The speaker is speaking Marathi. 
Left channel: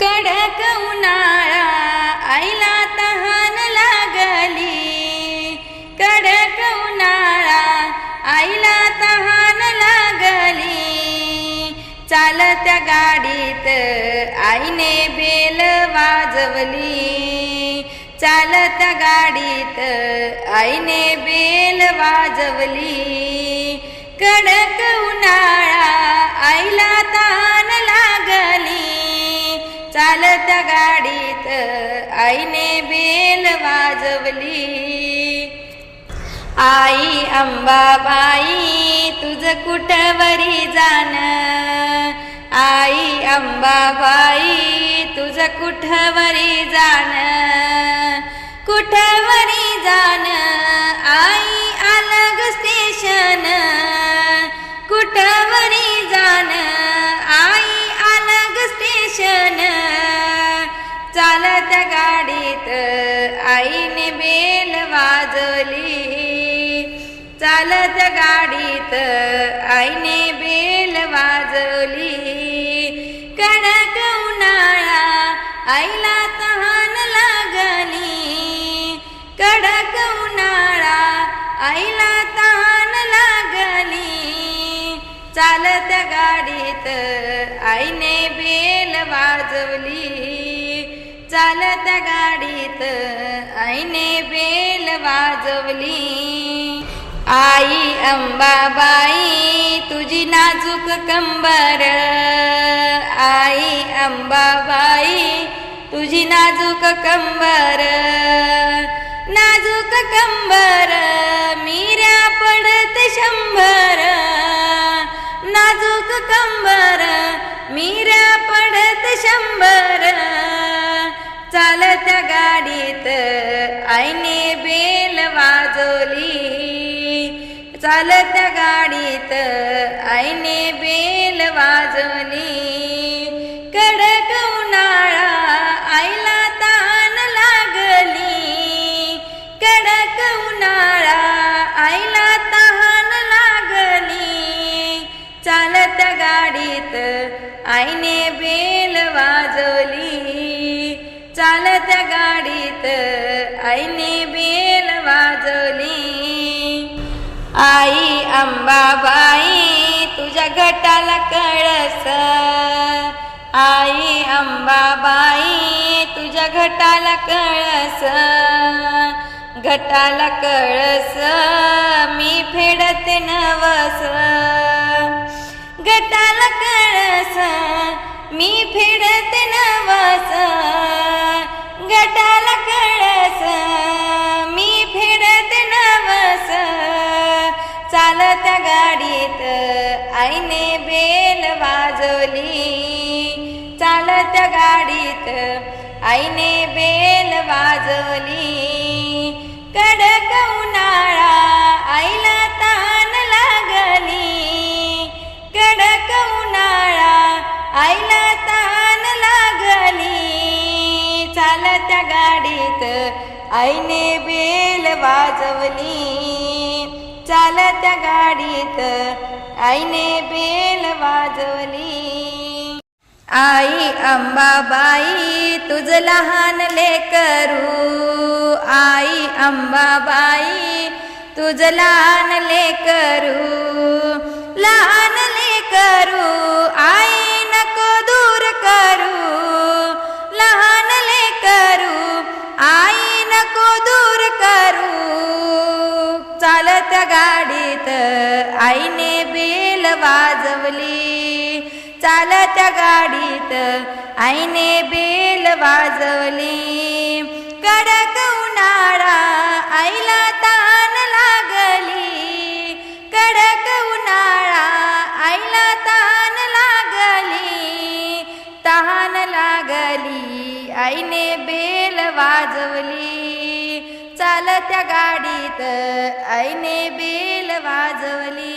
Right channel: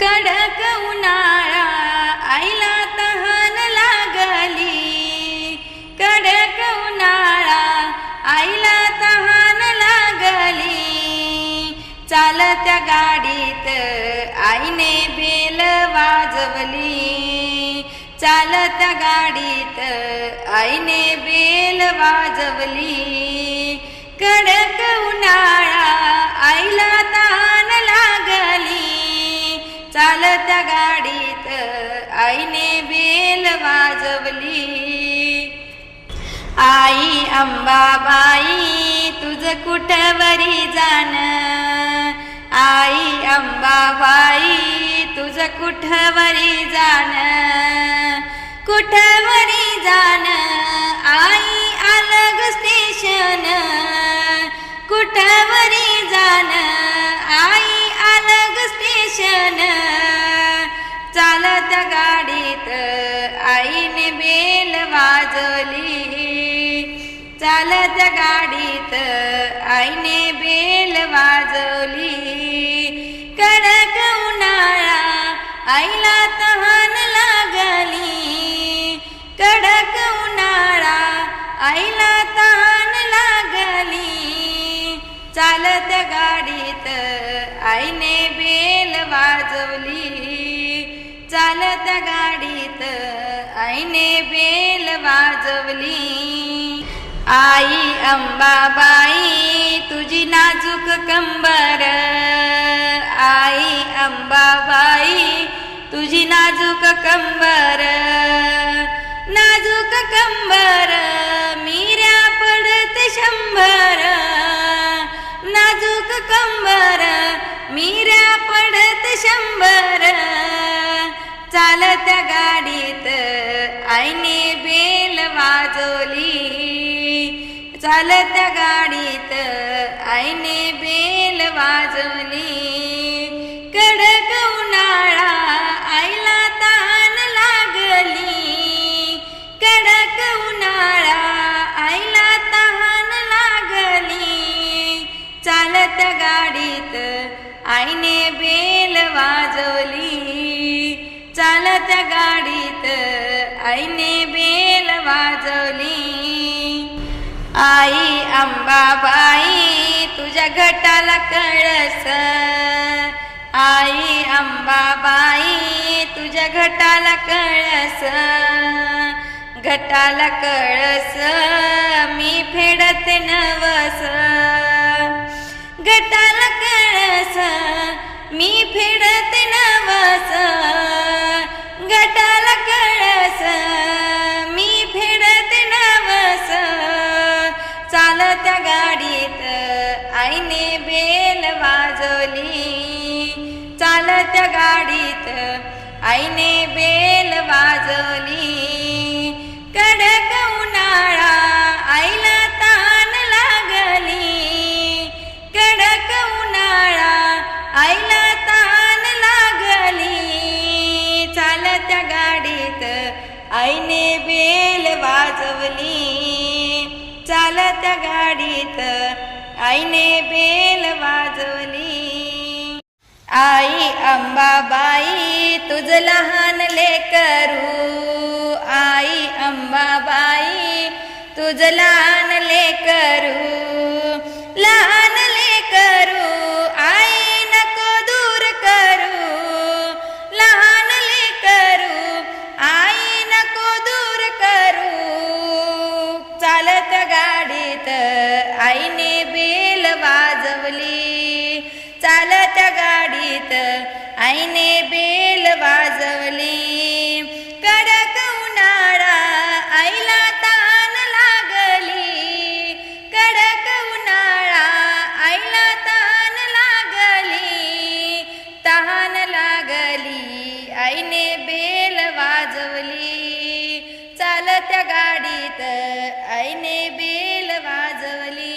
कडक उन्हाळा आईला तहान लागली. कडक उन्हाळा आईला तहान लागली. चालत्या गाडीत आईने बेल वाजवली. चालत्या गाडीत आईने बेल वाजवली. कडक उन्हाळा आईने बेल वाजवली. आई अंबाबाई तुझ कुठवरी जाण. आई अंबाबाई तुझ कुठवरी जाण. कुठवरी जाण? आई अलग स्टेशन कुठवरी जाण? चालत गाडीत आईने बेल वाजवली. कडक उन्हाळा आईला तहान लागली. कडक उन्हाळा आईला तहान लागली. चालत गाडीत आईने बेल वाजवली. चालत गाडीत आईने बेल वाजवली. आई अंबाबाई तुझी नाजूक कंबर. आई अंबाबाई तुझी नाजूक कंबर. नाजूक कंबर मीऱ्या पडत शंभर. नाजूक कंबर मीऱ्या पडत शंभर. चालत्या गाडीत आईने बेल वाजवली. चालत्या गाडीत आईने बेल वाजवली. कडक उन्हाळा आईला तान लागली. कडक उन्हाळा आईला तहान लागली. चालत्या गाडीत आईने बेल वाजवली. चालत्या गाडीत आईने आई अंबाबाई तुझ्या घटाला कळस. आई अंबाबाई तुझ्या घटाला कळस. घटाला कळस मी फेडत नवस. घटाला कळस मी फेडत नवस. घटाला चालत्या गाडीत आईने बेल वाजवली. चालत्या गाडीत आईने बेल वाजवली. कडक उन्हाळा आईला तान लागली. कडक उन्हाळा आईला तान लागली. चालत्या गाडीत आईने बेल वाजवली. चालत्या गाडीत. आईने बेल वाजवली. आई अंबाबाई तुझ लहान लेकरू. आई अंबाबाई तुझ लहान लेकरू. लहान लेकरू चालत गाडीत आईने बेल वाजवली. चालत गाडीत आईने बेल वाजवली. कडक उन्हाळा आईला तान लागली. कडक उन्हाळा आईला तान लागली. तहान लागली. आईने बेल वाजवली. त्या गाडीत आईने बेल वाजवली.